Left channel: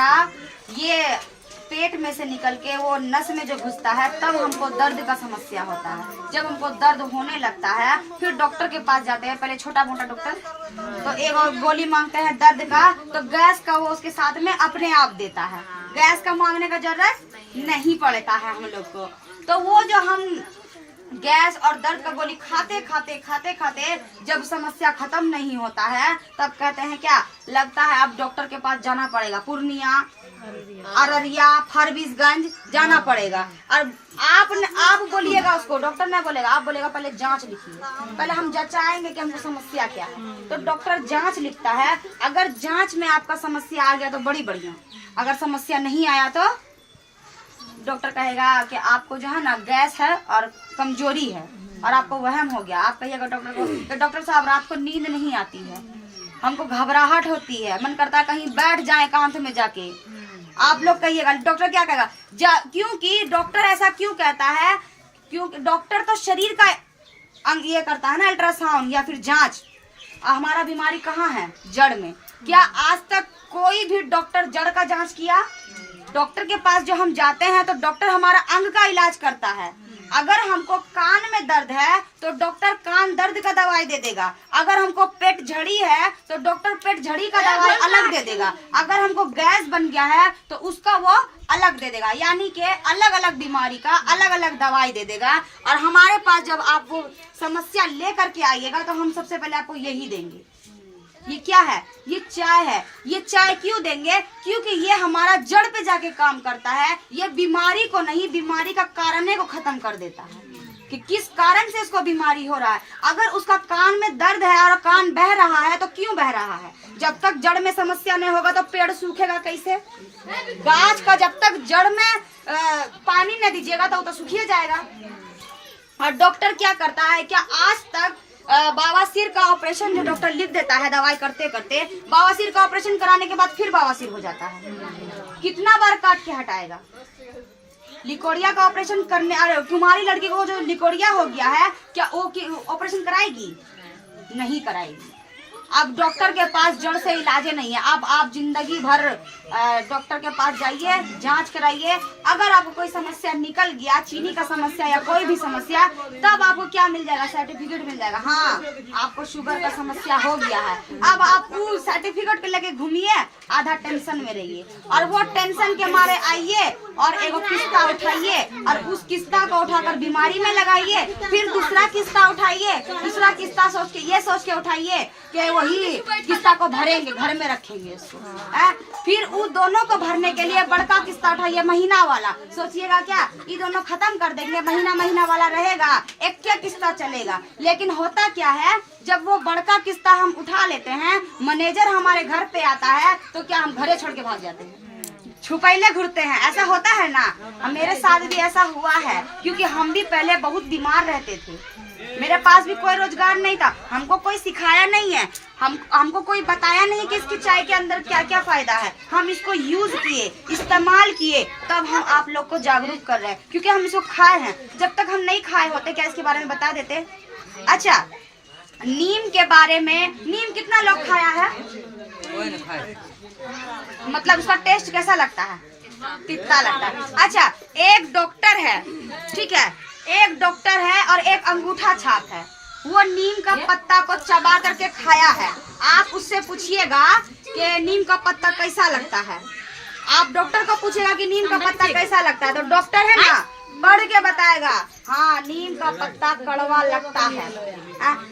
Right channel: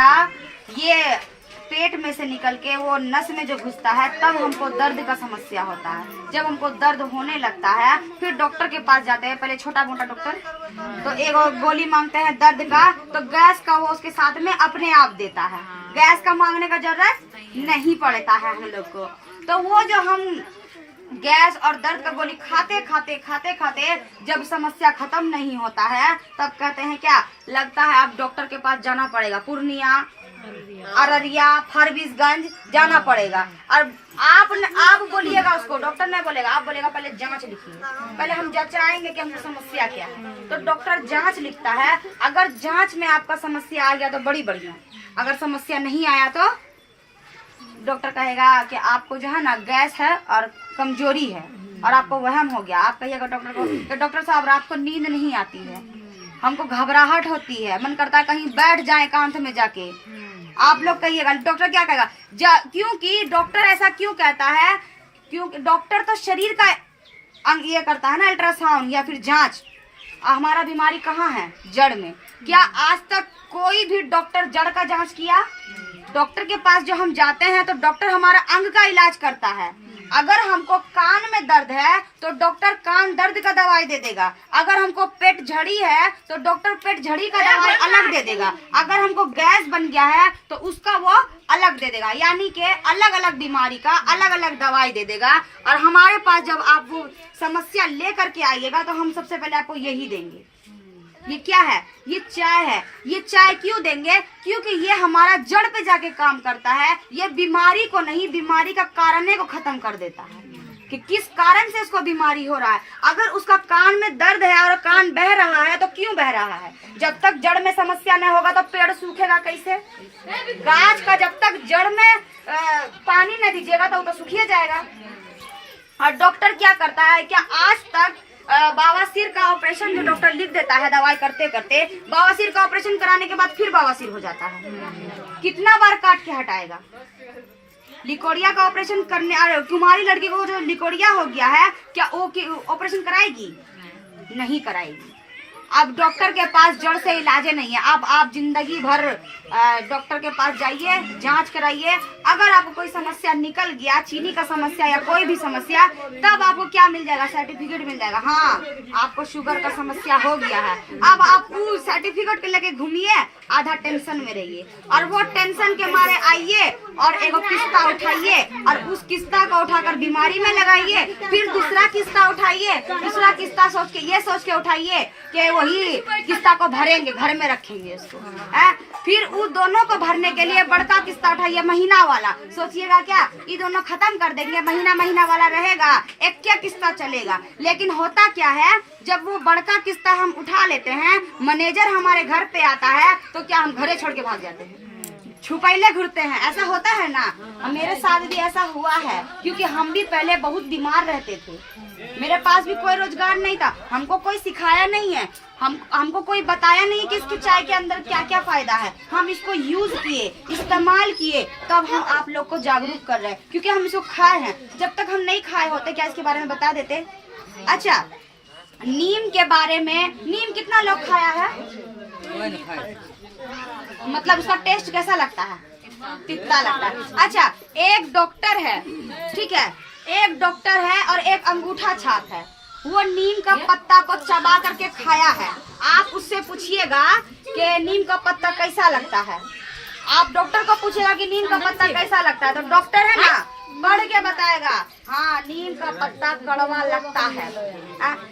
ये पेट में से निकल के वो नस में जो घुसता है तब हमको दर्द का समस्या होता है। जब हमको दर्द होने लगता है फिर डॉक्टर के पास जाते हैं, पहले छोटा मोटा डॉक्टर तो एक गोली मांगते हैं दर्द का, तो गैस का वो उसके साथ में अपने आप देता है। गैस का मांगने का जरूरत नहीं पड़ता है हम लोग को। तो वो जो हम गैस और दर्द का गोली खाते खाते जब समस्या खत्म नहीं होता है तब कहते हैं क्या लगता है अब डॉक्टर के पास जाना पड़ेगा, पूर्णिया, अररिया, फरबिसगंज जाना पड़ेगा। और आप बोलिएगा उसको, डॉक्टर नहीं बोलेगा, आप बोलेगा पहले जांच लिखिए, पहले हम जांचाएंगे कि हमको समस्या क्या है। तो डॉक्टर जांच लिखता है। अगर जांच में आपका समस्या आ गया तो बड़ी बढ़िया, अगर समस्या नहीं आया तो डॉक्टर कहेगा कि आपको जो है ना गैस है और कमजोरी है और आपको वहम हो गया। आप कहिएगा डॉक्टर को कि डॉक्टर साहब रात को नींद नहीं आती है, हमको घबराहट होती है, मन करता है कहीं बैठ जाए एकांत में जाके। आप लोग कहिएगा, डॉक्टर क्या कहेगा? क्योंकि डॉक्टर ऐसा क्यों कहता है? क्योंकि डॉक्टर तो शरीर का अंग ये करता है ना, अल्ट्रासाउंड या फिर जांच। हमारा बीमारी कहाँ है? जड़ में। क्या आज तक कोई भी डॉक्टर जड़ का जांच किया? डॉक्टर के पास जो हम जाते हैं तो डॉक्टर हमारा अंग का इलाज करता है। अगर हमको कान में दर्द है तो डॉक्टर कान दर्द का दवाई दे देगा। अगर हमको पेट झड़ी है तो डॉक्टर पेट झड़ी का दवाई अलग दे देगा। अगर हमको गैस बन गया है तो उसका वो अलग दे देगा। यानी कि अलग अलग बीमारी का अलग अलग दवाई दे देगा। और हमारे पास जब आप वो समस्या लेकर के आइएगा तो हम सबसे पहले आपको यही देंगे। ये क्या है? ये चाय है। ये चाय क्यों देंगे? क्योंकि ये हमारा जड़ पे जाके काम करता है। ये बीमारी को नहीं, बीमारी का कारण को खत्म कर देता है कि किस कारण से इसको बीमारी हो रहा है। अगर उसका कान में दर्द है और कान बह रहा है तो क्यों बह रहा है? जब तक जड़ में समस्या नहीं होगा तो पेड़ सूखेगा कैसे? गाछ का जब तक जड़ में पानी न दीजिएगा तो वो तो सूखिए जाएगा। और डॉक्टर क्या करता है? क्या आज तक बवासीर का ऑपरेशन जो डॉक्टर लिख देता है दवाई करते करते, बवासीर का ऑपरेशन कराने के बाद फिर बवासीर हो जाता है, कितना बार काट के हटाएगा? लिकोरिया का ऑपरेशन करने, अरे तुम्हारी लड़की को जो लिकोरिया हो गया है क्या वो ऑपरेशन कराएगी? नहीं कराएगी। अब डॉक्टर के पास जड़ से इलाज नहीं है। अब आप जिंदगी भर डॉक्टर के पास जाइए, जांच कराइए। अगर आपको कोई समस्या निकल गया, चीनी का समस्या या कोई भी समस्या, तब आपको क्या मिल जाएगा? सर्टिफिकेट मिल जाएगा। हाँ, आपको शुगर का समस्या हो गया है। अब आप उस सर्टिफिकेट के लेके घूमिए, आधा टेंशन में रहिए और वो टेंशन के मारे आइए और एक किस्ता उठाइए और उस किस्ता को उठाकर बीमारी में लगाइए। फिर दूसरा किस्ता उठाइए, दूसरा किस्ता सोच के उठाइए कि वही किस्ता को भरेंगे, घर में रखेंगे उसको। फिर उन दोनों को भरने के लिए बड़का किस्ता उठाइए, महीना वाला। सोचिएगा क्या ये दोनों खत्म कर देंगे, महीना वाला रहेगा, एक क्या किस्ता चलेगा। लेकिन होता क्या है, जब वो बड़का किस्ता हम उठा लेते हैं, मैनेजर हमारे घर पे आता है तो क्या हम घरे छोड़ के भाग जाते हैं, छुपैले घूरते हैं। ऐसा होता है ना, मेरे साथ भी ऐसा हुआ है। क्योंकि हम भी पहले बहुत बीमार रहते थे, मेरे पास भी कोई रोजगार नहीं था, हमको कोई सिखाया नहीं है, हमको कोई बताया नहीं कि इसकी चाय के अंदर क्या क्या फायदा है। हम इसको यूज किए, इस्तेमाल किए, तब हम आप लोग को जागरूक कर रहे हैं। क्योंकि हम इसको खाए हैं। जब तक हम नहीं खाए होते क्या इसके बारे में बता देते? अच्छा, नीम के बारे में, नीम कितना लोग खाया है? मतलब उसका टेस्ट कैसा लगता है? तिता लगता है। अच्छा, एक डॉक्टर है, ठीक है, एक डॉक्टर है और एक अंगूठा छाप है। वो नीम का पत्ता को चबा करके खाया है। आप उससे पूछिएगा कि नीम का पत्ता कैसा लगता है। आप डॉक्टर को पूछेगा कि नीम का पत्ता कैसा लगता है, तो डॉक्टर है ना पढ़ के बताएगा, हाँ नीम का पत्ता कड़वा लगता है।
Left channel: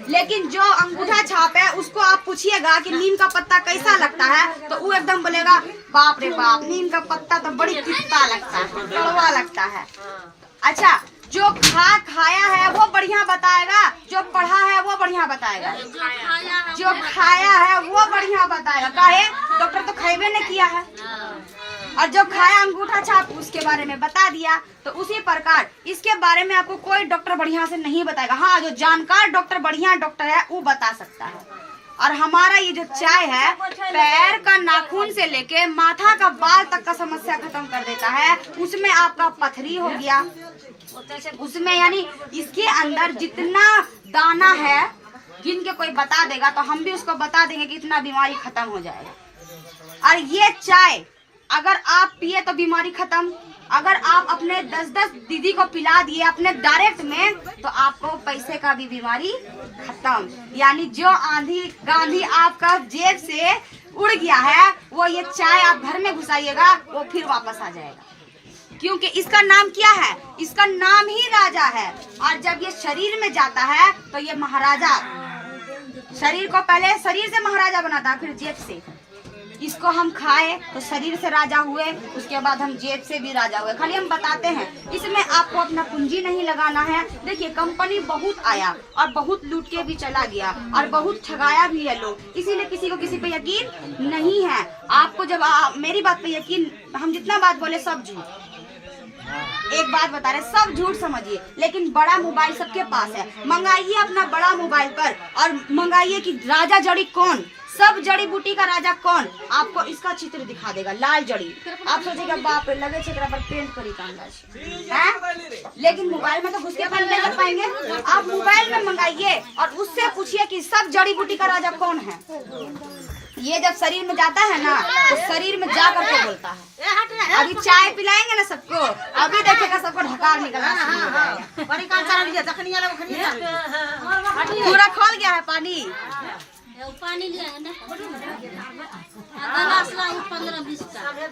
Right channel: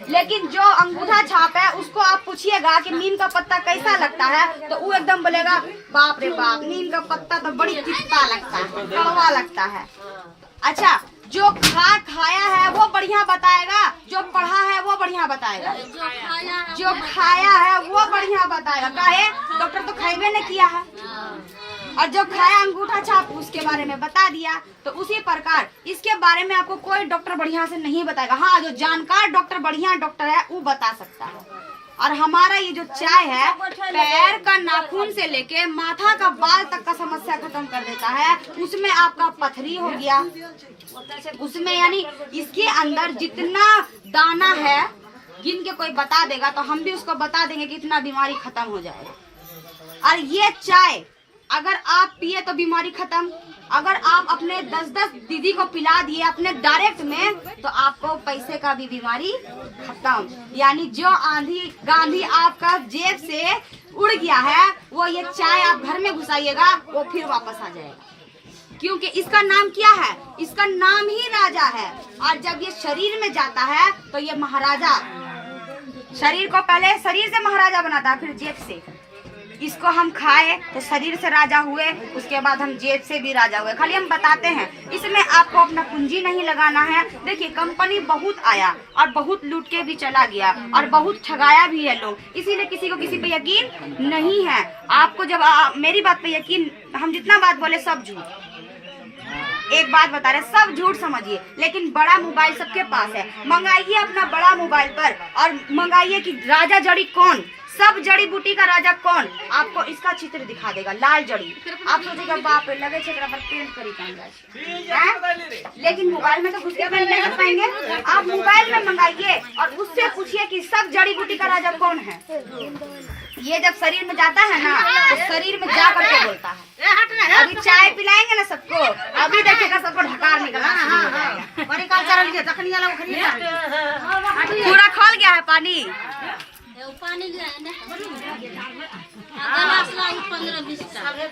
लेकिन जो अंगूठा छाप है उसको आप पूछिएगा कि नीम का पत्ता कैसा लगता है, तो वो एकदम बोलेगा बाप रे बाप, नीम का पत्ता तो बड़ी तिता लगता है, कड़वा लगता है। अच्छा, जो खाया है वो बढ़िया बताएगा, जो पढ़ा है वो बढ़िया बताएगा, जो खाया है वो बढ़िया बताएगा। काहे? डॉक्टर तो खाइबे नहीं किया है। और जो खाया अंगूठा छाप उसके बारे में बता दिया। तो उसी प्रकार इसके बारे में आपको कोई डॉक्टर बढ़िया से नहीं बताएगा। हाँ, जो जानकार डॉक्टर, बढ़िया डॉक्टर है वो बता सकता है। और हमारा ये जो चाय है, पैर का नाखून से लेके माथा का बाल तक का समस्या खत्म कर देता है। उसमें आपका पथरी हो गया, उसमें यानी इसके अंदर जितना दाना है गिन के कोई बता देगा तो हम भी उसको बता देंगे कि इतना बीमारी खत्म हो जाएगा। और ये चाय अगर आप पिए तो बीमारी खत्म। अगर आप अपने 10-10 दीदी को पिला दिए अपने डायरेक्ट में, तो आपको पैसे का भी बीमारी खत्म। यानी जो आंधी गांधी आपका जेब से उड़ गया है, वो ये चाय आप घर में घुसाइएगा, वो फिर वापस आ जाएगा। क्योंकि इसका नाम क्या है? इसका नाम ही राजा है। और जब ये शरीर में जाता है तो ये महाराजा, शरीर को पहले शरीर से महाराजा बनाता है, फिर जेब से। इसको हम खाए तो शरीर से राजा हुए, उसके बाद हम जेब से भी राजा हुए। खाली हम बताते हैं, इसमें आपको अपना पूंजी नहीं लगाना है। देखिए कंपनी बहुत आया और बहुत लूट के भी चला गया और बहुत ठगाया भी है लोग, इसीलिए किसी को किसी पे यकीन नहीं है। आपको जब मेरी बात पे यकीन, हम जितना बात बोले सब झूठ, एक बात बता रहे सब झूठ समझिए, लेकिन बड़ा मोबाइल सबके पास है। मंगाइए अपना बड़ा मोबाइल पर और मंगाइए कि राजा जड़ी कौन, सब जड़ी बूटी का राजा कौन, आपको इसका चित्र दिखा देगा। लाल जड़ी, आप सोचेगा बाप रे लगे छे पर पेंट करी है, लेकिन मोबाइल में तो घुस के पेंट नहीं कर पाएंगे। आप मोबाइल में मंगाइए और उससे पूछिए कि सब जड़ी बूटी का राजा कौन है। ये जब शरीर में जाता है ना, तो शरीर में जा करके बोलता है। अभी चाय पिलाएंगे ना सबको, अभी देखेगा सबको ढकार निकलना। पूरा खोल गया है पानी। पानी लिया है ना, 15-20 का।